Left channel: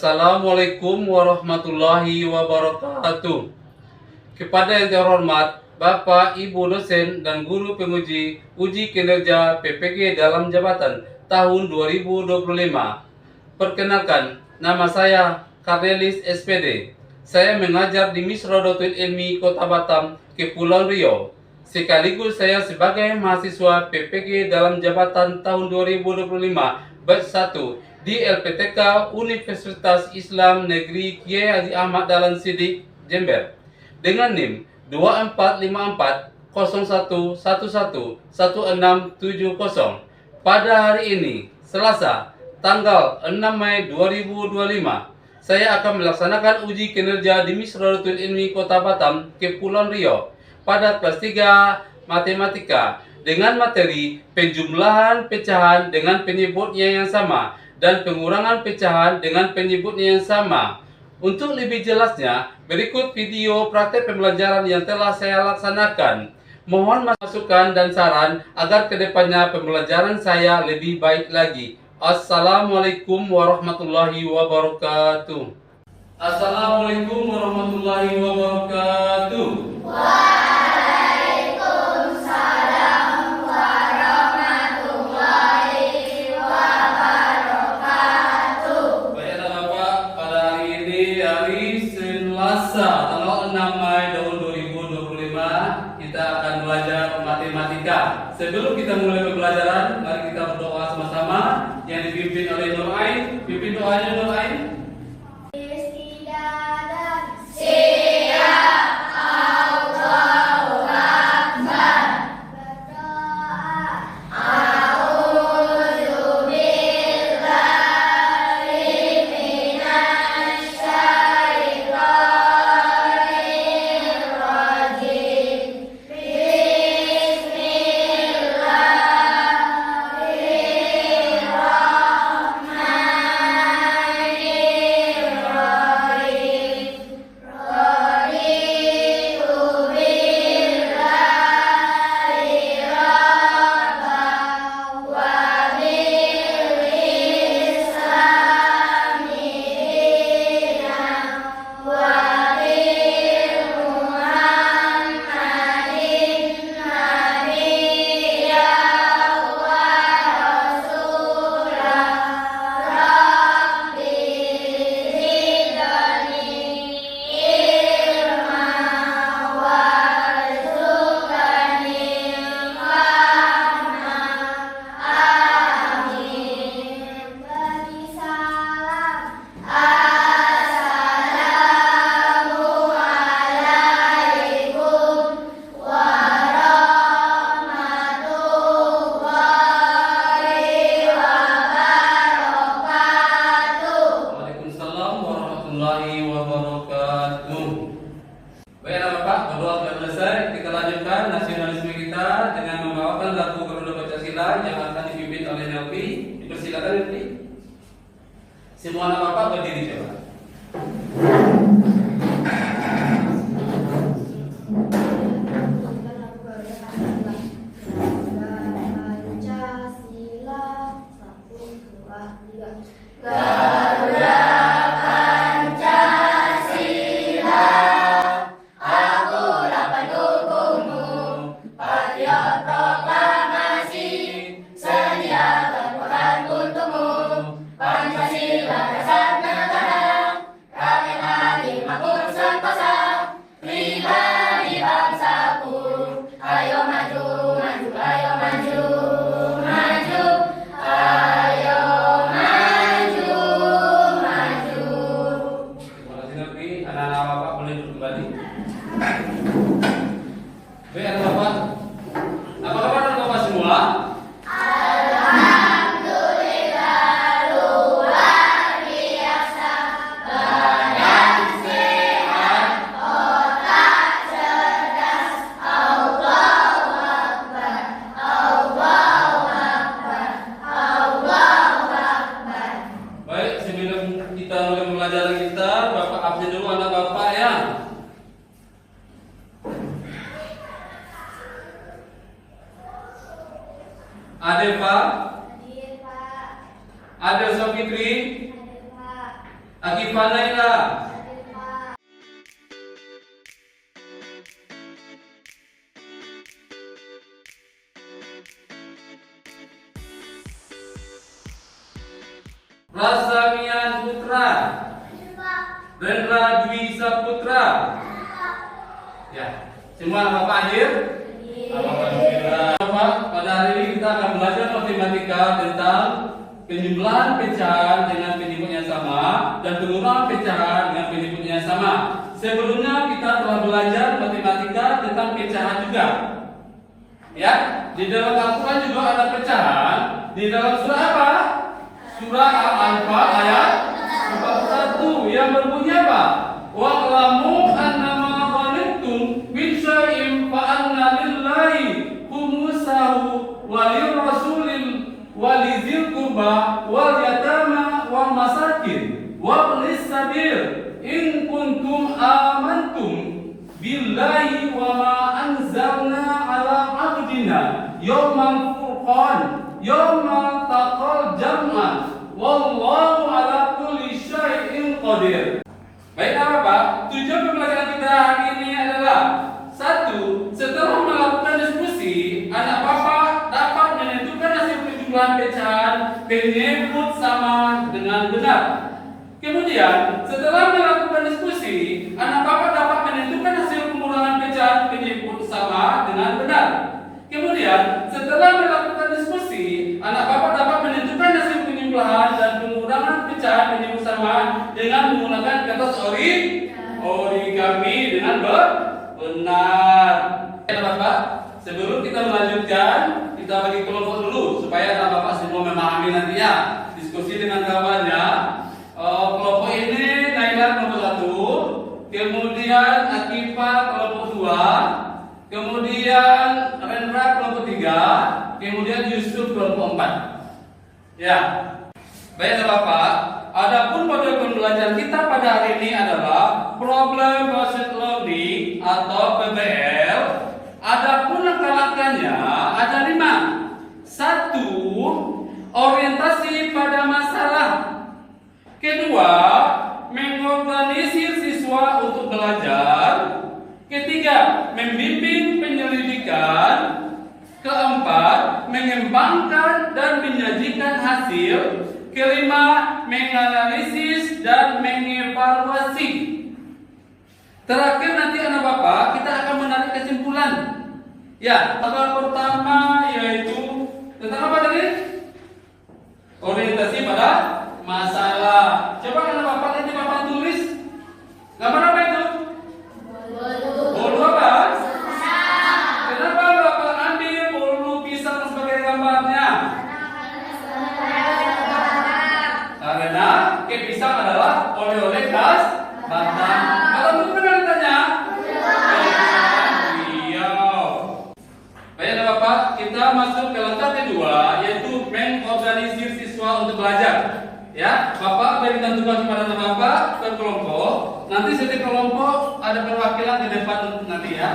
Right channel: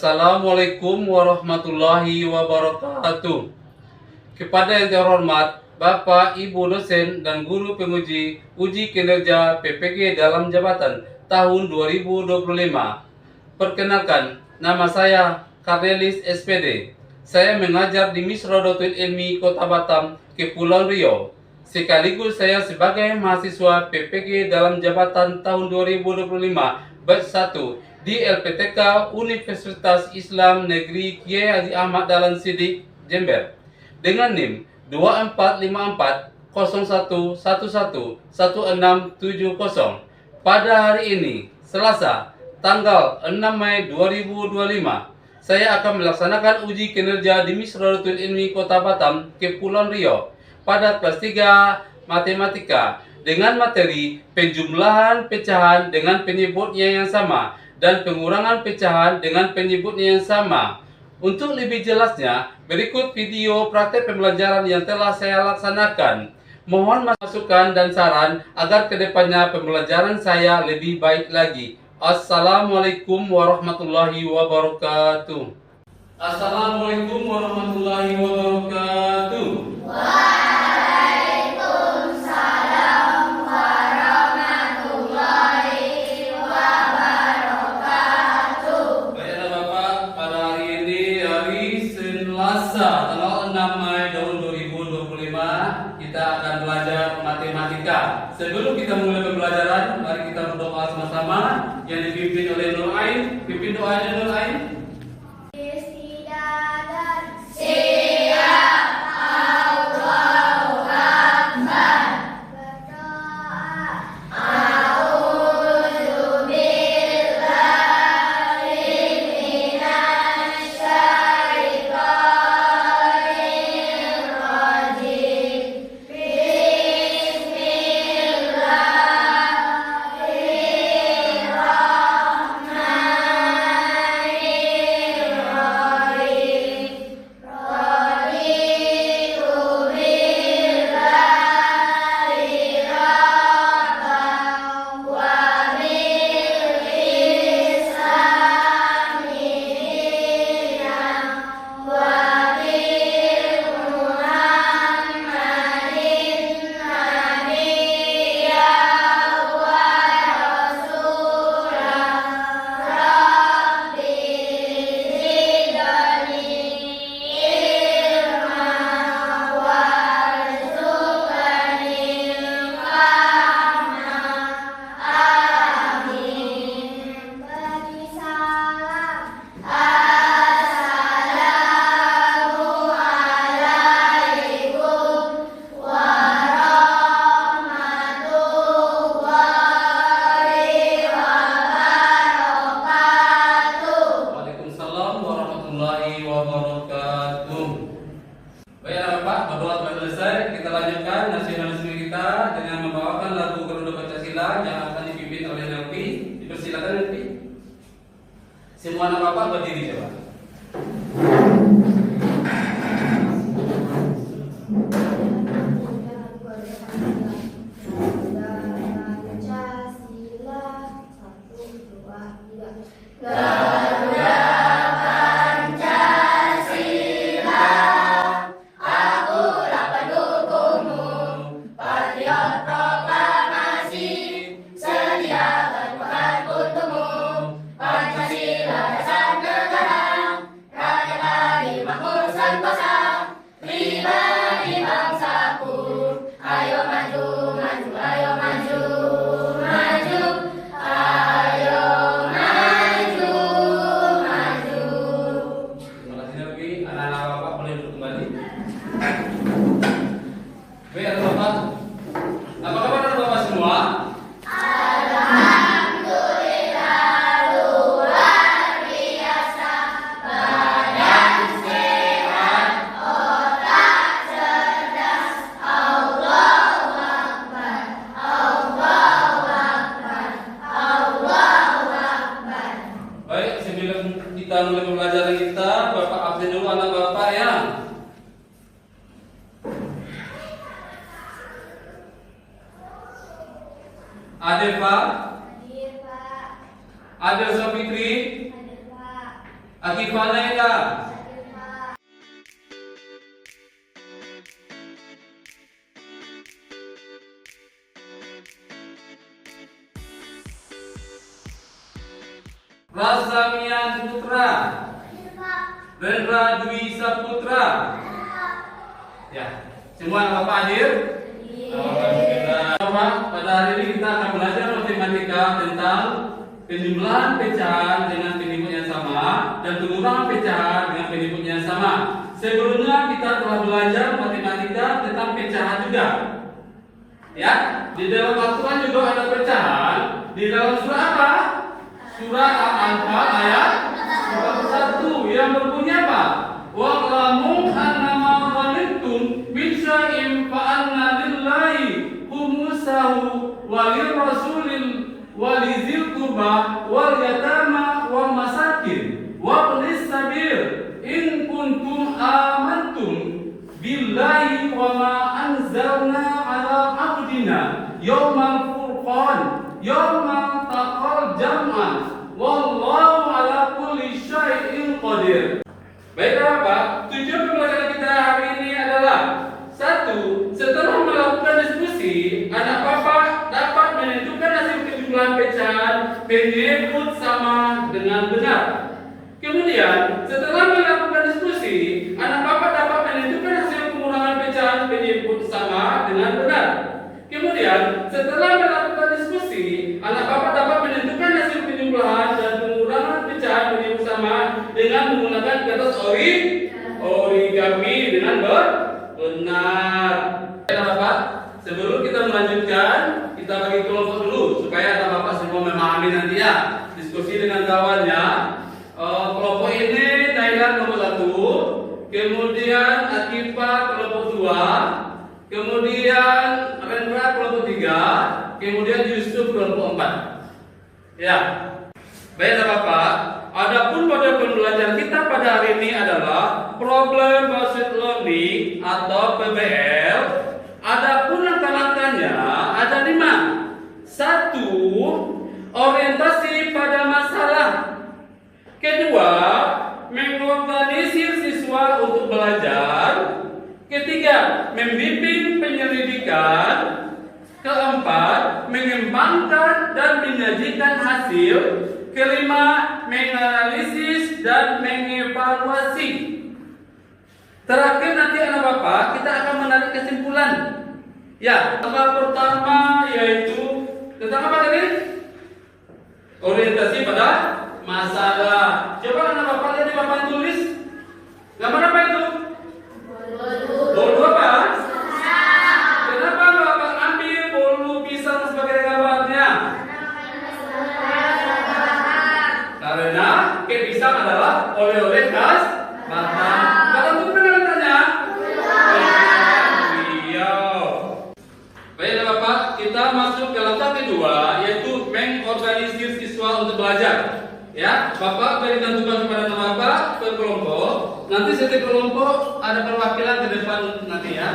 Assalamualaikum warahmatullahi wabarakatuh. Kepada yang terhormat Bapak, Ibu dosen dan guru penguji uji kinerja PPG dalam jabatan tahun 2025. Perkenalkan, nama saya Karnelis SPD. Saya mengajar di Misrodotul Ilmi Kota Batam, Kepulauan Riau. Sekaligus saya sebagai mahasiswa PPG dalam jabatan tahun 2025 batch 1 di LPTK Universitas Islam Negeri Kiai Haji Ahmad Dahlan Siddiq, Jember, dengan NIM 245401111670. Pada hari ini, Selasa, tanggal 6 Mei 2025, saya akan melaksanakan uji kinerja di Misrodotul Ilmi Kota Batam, Kepulauan Riau pada kelas 3 Matematika dengan materi penjumlahan pecahan dengan penyebutnya yang sama dan pengurangan pecahan dengan penyebutnya yang sama. Untuk lebih jelasnya, berikut video praktek pembelajaran yang telah saya laksanakan. Mohon masukan dan saran agar kedepannya pembelajaran saya lebih baik lagi. Assalamualaikum warahmatullahi wabarakatuh. Assalamualaikum warahmatullahi wabarakatuh. Tanggal 6 Mei tahun 2025 kita akan belajar matematika. Sebelum kita mulai pembelajaran, mari kita berdoa sama-sama yang dipimpin oleh Nur Ain. Pimpin doanya Nur Ain. Baik Bapak, berdoa telah selesai. Kita lanjutkan nasionalisme kita dengan membawakan lagu Garuda Pancasila yang akan dipimpin oleh Nelvi. Dipersilakan Nelvi. Semua anak Bapak berdiri coba. Adel Pak. Adel Sofitri. Akifah Naila. Rasamian Putra. Rendra Dwi Saputra. Ya, semua Bapak hadir? Alhamdulillah. Bapak, pada hari ini kita akan belajar matematika tentang penjumlahan pecahan dengan penyebut yang sama dan pengurangan pecahan dengan penyebut yang sama. Sebelumnya kita telah belajar matematika tentang pecahan juga. Ya, di dalam Al-Quran juga ada pecahan. Di dalam surah apa? Surah Al-Anfal ayat 41 yang berbunyi apa? Wa'lamu annama ghanimtum min syai'in fa anna lillahi khumsahu wa lirrasulil wa lidzil qurba wal yatama wal masakin wa ibnis sabil in kuntum amantum billahi wa ma anzalna ala abdina yawmal furqan yawmal taqal jam'an wallahu ala kulli syai'in qadir. Baiklah Bapak, tujuan pembelajaran kita hari ini adalah satu, setelah melakukan diskusi, anak Bapak dapat menentukan hasil penjumlahan pecahan penyebut sama dengan benar. Kemudian, setelah melakukan diskusi, anak Bapak dapat menentukan hasil pengurangan pecahan penyebut sama dengan benar. Kemudian, setelah melakukan diskusi, anak Bapak dapat menentukan hasil penjumlahan dan pengurangan pecahan penyebut sama dengan menggunakan kata origami dengan benar. Ya Bapak, sebelum kita melanjutkan, kita bagi kelompok dulu supaya anak Bapak semua memahami nanti ya diskusi dengan kawannya. Kelompok ini Thailand kelompok 1, kemudian Akifah kelompok 2, kemudian Rendra kelompok 3, kemudian Yusuf kelompok 4. Ya, baiklah Bapak. Adapun pada pembelajaran kita pada hari ini adalah problem based learning atau PBL. Adapun langkah-langkahnya ada 5. 1. Orientasi pada masalah. Kedua, mengorganisir siswa untuk belajar. Ketiga, membimbing penyelidikan. Keempat, mengembangkan dan menyajikan hasil. Kelima, menganalisis dan mengevaluasi. Terakhir nanti anak Bapak kita akan menarik kesimpulan. Ya, langkah pertama yaitu tentang apa tadi? Orientasi pada masalah. Coba anak Bapak lihat di papan tulis. Gambar apa itu? Bolu apa? Kenapa Bapak ambil bolu pisang sebagai gambarnya? Karena pisang adalah oleh-oleh khas Batam. Batam itu benar katanya? Iya. Baiklah Bapak, kita masuk ke langkah kedua yaitu mengorganisir siswa untuk belajar. Ya, Bapak berikan tugas kepada Bapak ke kelompok. Nanti setiap kelompok ada perwakilan ke depan nanti ya.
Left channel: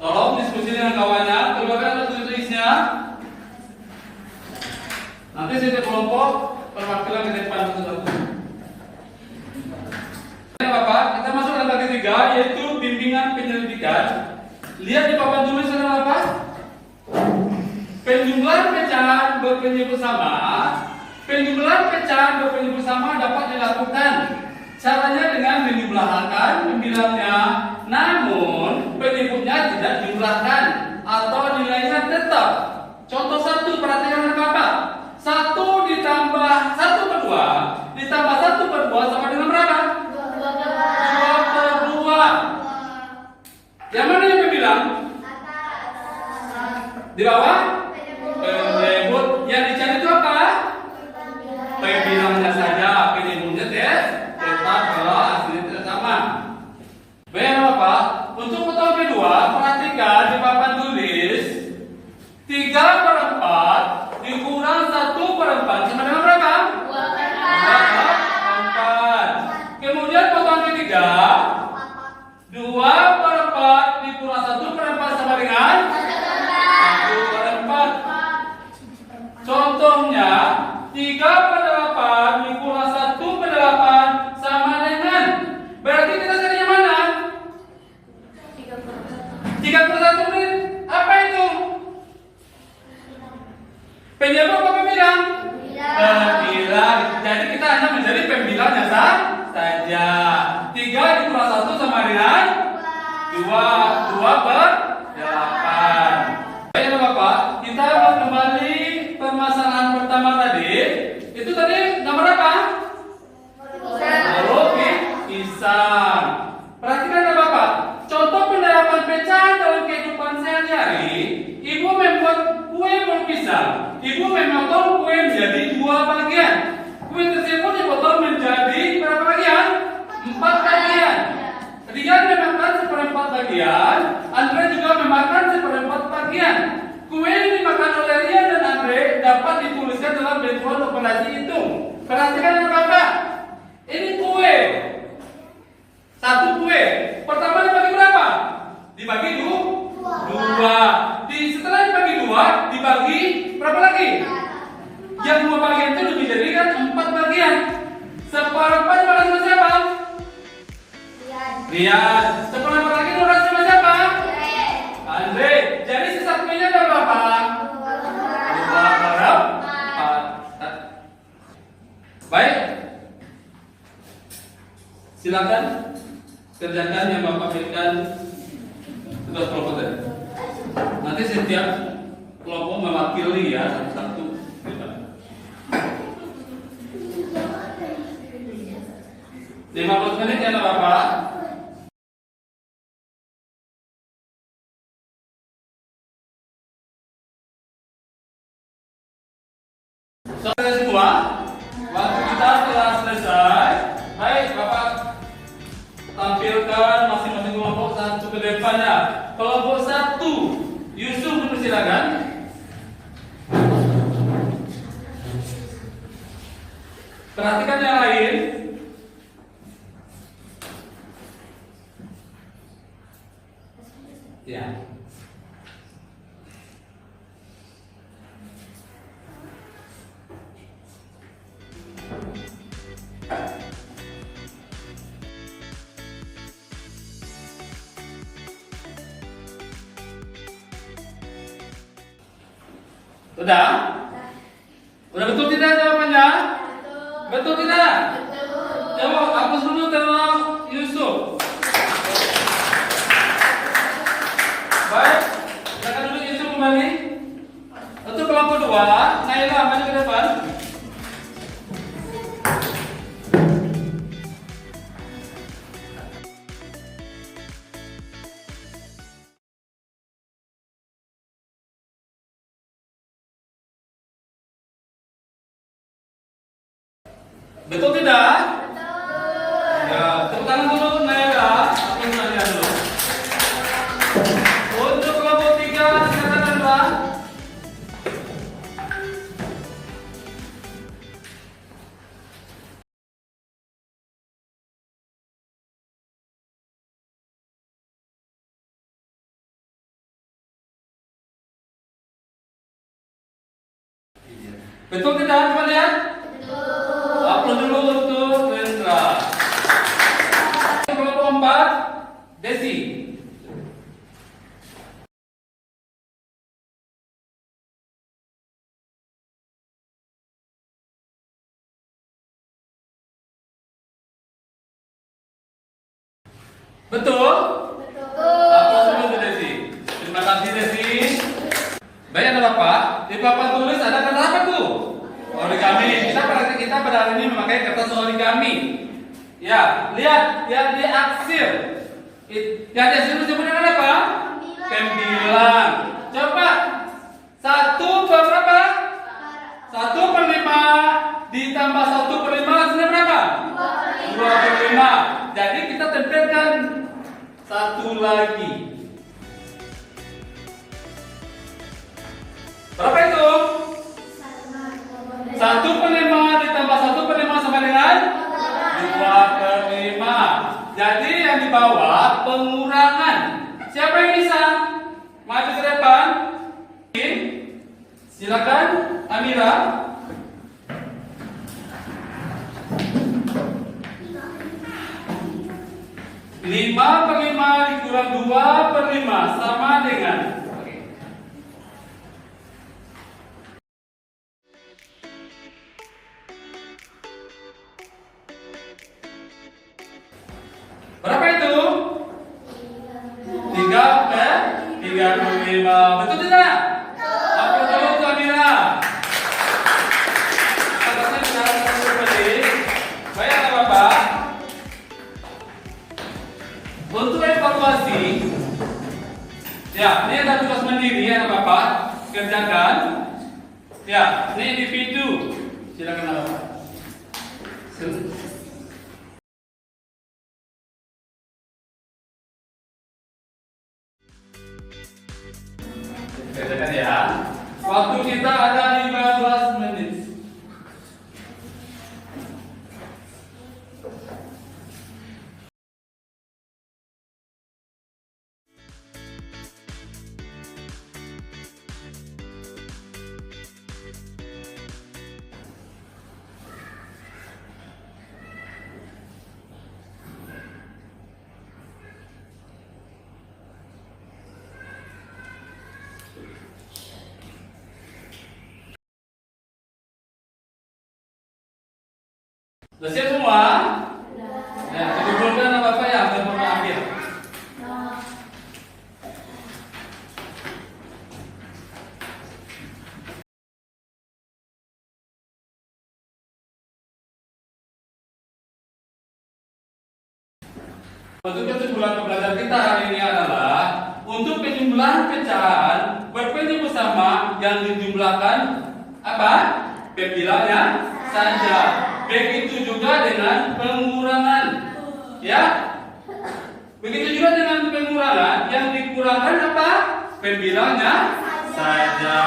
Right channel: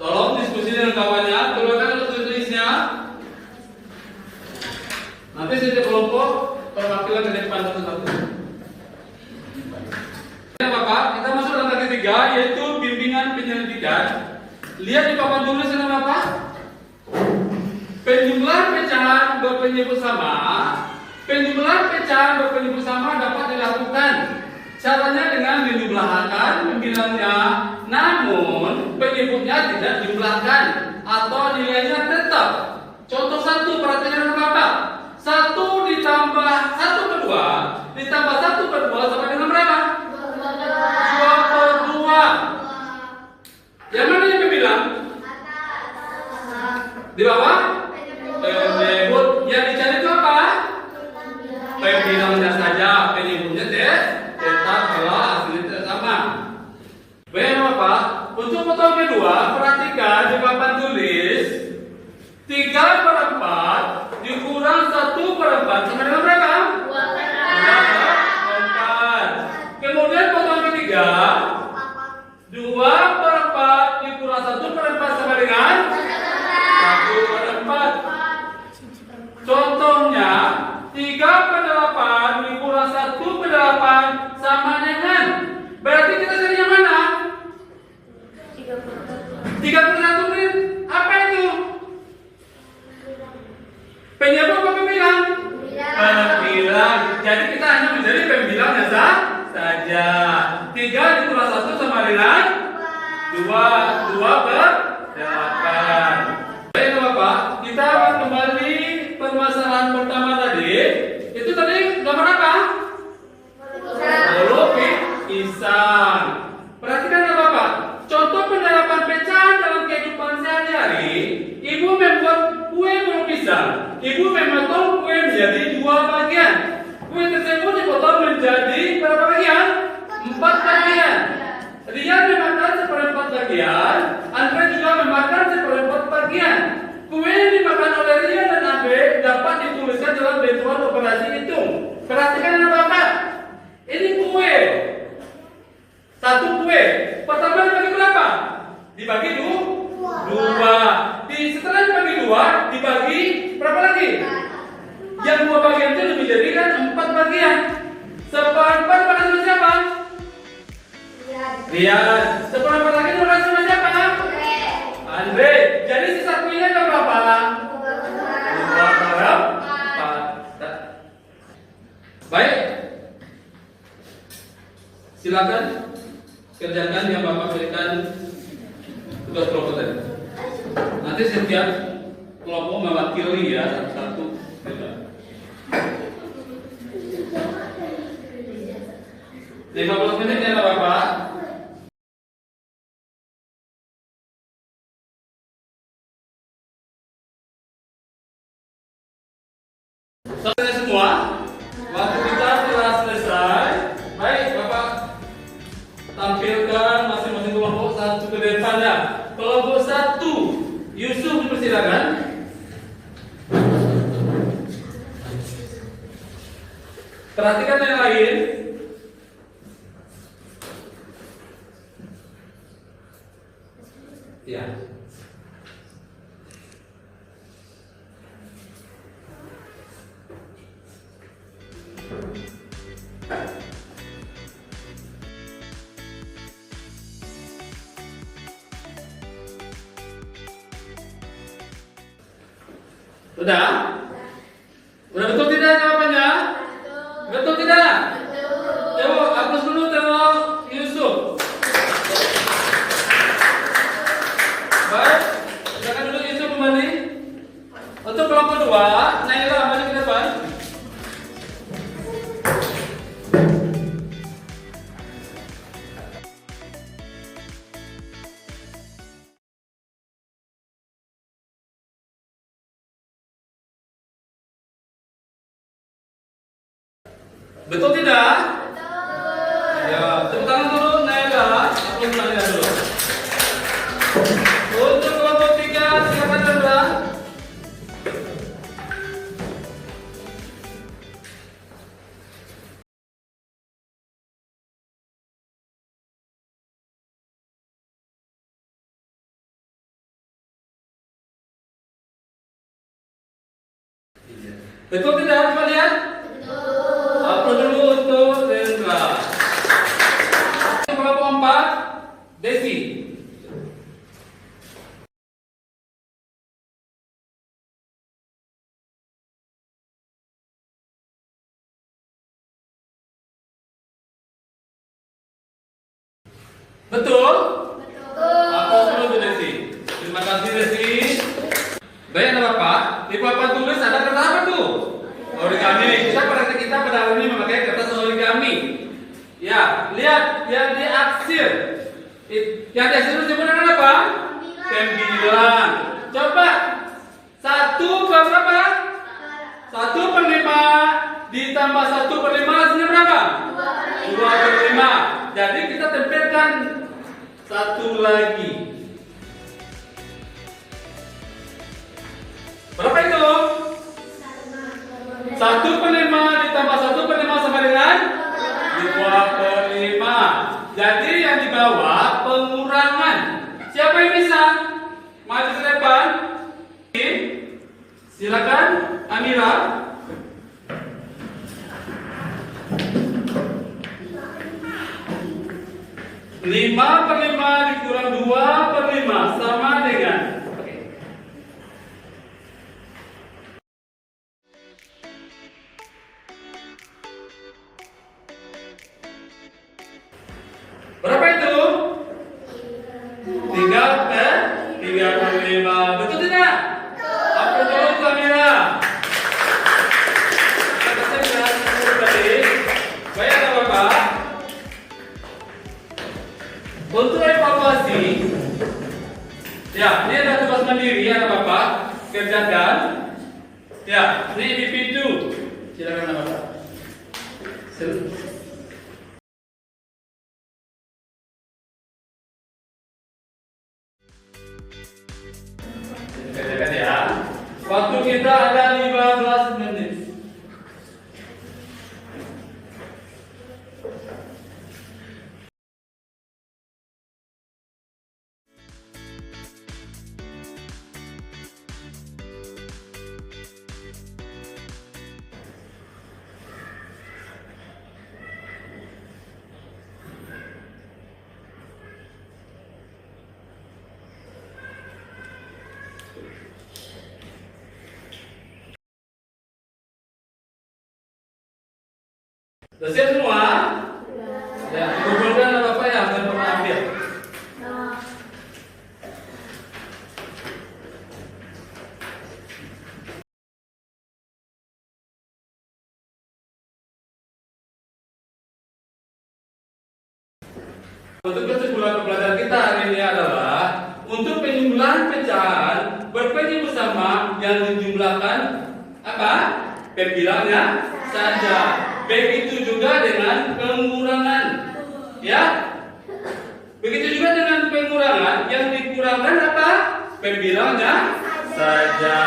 Tolong diskusi dengan kawannya, keluarkan ada tulisnya. Nanti setiap kelompok perwakilan ke depan satu-satu. Ya Bapak, kita masuk langkah ketiga yaitu bimbingan penyelidikan. Lihat di papan tulisnya Bapak. Penjumlahan pecahan berpenyebut sama. Penjumlahan pecahan berpenyebut sama dapat dilakukan. Caranya dengan menjumlahkan pembilangnya, namun penyebutnya tidak dijumlahkan atau nilainya tetap. Contoh 1, perhatikan Bapak. 1 ditambah 1 per 2 ditambah 1 per 2 sama dengan berapa? 2 per 2. Yang mana yang dibilang? Di bawah? Penyebut. Yang dicari itu apa? Pembilangnya saja, penyebutnya tetap kalau hasilnya tidak sama. Baik Bapak, untuk pertemuan kedua perhatikan di papan tulis 3 per 4 dikurang 1 per 4 sama dengan berapa? 2 per 4. Kemudian pertemuan ketiga 2 per 4 dikurang 1 per 4 sama dengan saja. 3 dikurang 1 sama dengan 2. 2 per 8. Baik Bapak, kita akan kembali permasalahan pertama tadi. Itu tadi gambar apa? Halo, pisang. Perhatikan ya Bapak, contoh penerapan pecahan dalam kehidupan sehari-hari. Ibu membuat kue bolu pisang. Ibu memotong kue menjadi 2 bagian. Kue tersebut dipotong menjadi berapa bagian? 4 bagian. Rian memakan 1/4 bagian. Andre juga memakan 1/4 bagian. Kue yang dimakan oleh Rian dan Andre dapat dituliskan dalam bentuan operasi hitung. Perhatikan ya Bapak. Ini kue. 1 kue. Pertama dibagi berapa? Dibagi 2. Setelah dibagi 2, dibagi berapa lagi? Yang 2 bagian itu dijadikan 4 bagian. 1/4 berarti siapa? Rian. 1/4 lagi berarti siapa? Andre. Jadi sisa kuenya berapa? 4. Baik. Silakan kerjakan yang Bapak berikan tugas kelompok tadi. Nanti setiap kelompok mewakili ya 1. 15 menit ya Bapak. Selesai semua. Waktu kita telah selesai. Baik Bapak, tampilkan masing-masing kelompok satu ke depannya. Kelompok 1, Yusuf dipersilakan. Perhatikan yang lain. Ya. Sudah? Sudah betul tidak jawabannya? Betul tidak? Coba hapus dulu terus Yusuf. Baik, silakan dulu Yusuf kembali. Untuk kelompok 2, Naila maju ke depan. Betul tidak? Betul. Ya, tepuk tangan dulu Naila. Aku Naila dulu. Untuk kelompok 3, silakan Naila. Betul tidak kalian? Betul. Upload dulu untuk Rendra. Kelompok 4, Desi. Betul? Betul. Upload dulu untuk Desi. Terima kasih Desi. Baik anak Bapak, di papan tulis ada kata apa tuh? Origami. Kita pada hari ini memakai kertas origami. Ya, lihat yang di aksir. Yang di aksir itu disebut dengan apa? 9. Coba 1 per berapa? 1/5 ditambah 1/5 hasilnya berapa? 2/5. Jadi kita tempelkan 1 lagi. Berapa itu? 1/5 ditambah 1/5 sama dengan 2/5. Jadi yang di bawah pengurangan. Siapa yang bisa? Maju ke depan. Silakan Amira. 5/5 dikurang 2/5 sama dengan Untuk evaluasi, ya, ini ada tugas mandiri ya Bapak, kerjakan. Ya, ini individu. Silakan Bapak. Kerjakan ya. Waktu kita ada 15 menit. Sudah siap semua? Ya, dikumpulkan Bapak ya, saya mau ambil. Untuk kesimpulan pembelajaran kita hari ini adalah untuk penjumlahan pecahan berpeni bersama yang dijumlahkan apa? Pembilangnya saja. Begitu juga dengan pengurangan, ya. Begitu juga dengan pengurangan yang dikurangkan apa? Pembilangnya saja.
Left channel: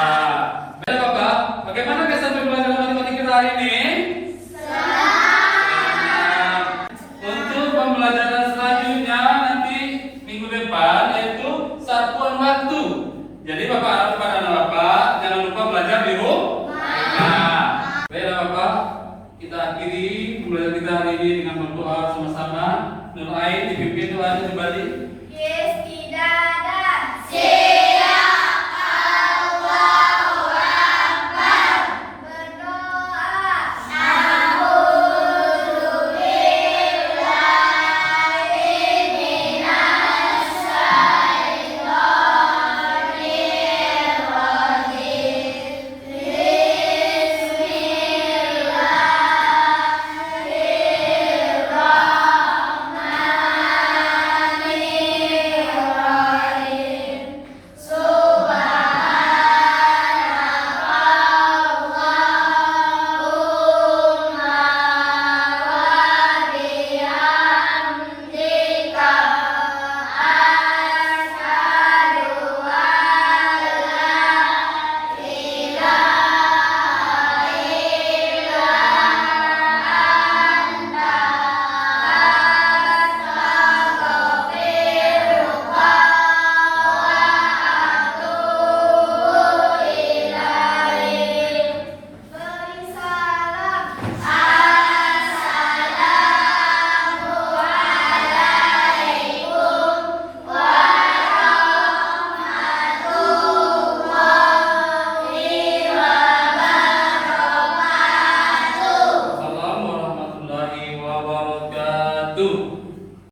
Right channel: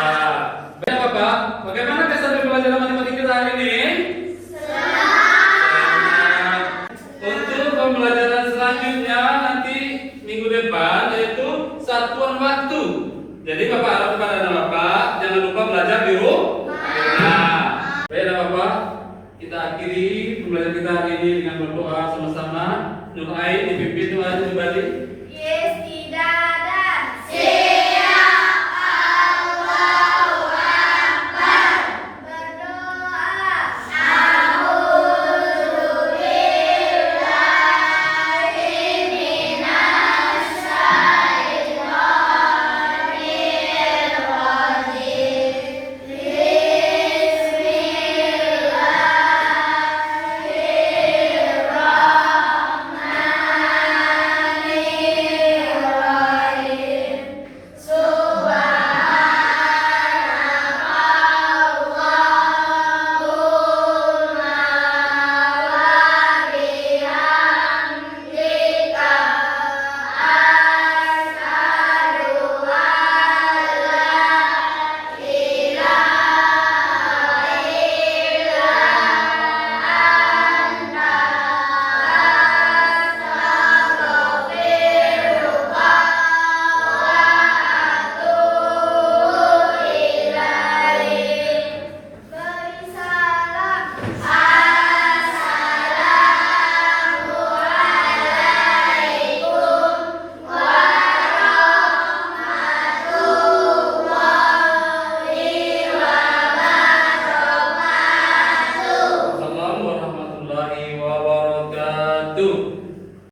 Baik Bapak, bagaimana kesan pembelajaran matematika kita hari ini? Untuk pembelajaran selanjutnya nanti minggu depan yaitu satuan waktu. Jadi Bapak harap kepada anak Bapak jangan lupa belajar di rumah. Baik Bapak, kita akhiri pembelajaran kita hari ini dengan berdoa sama-sama. Nur Ain dipimpin doanya kembali. Yes, tidak.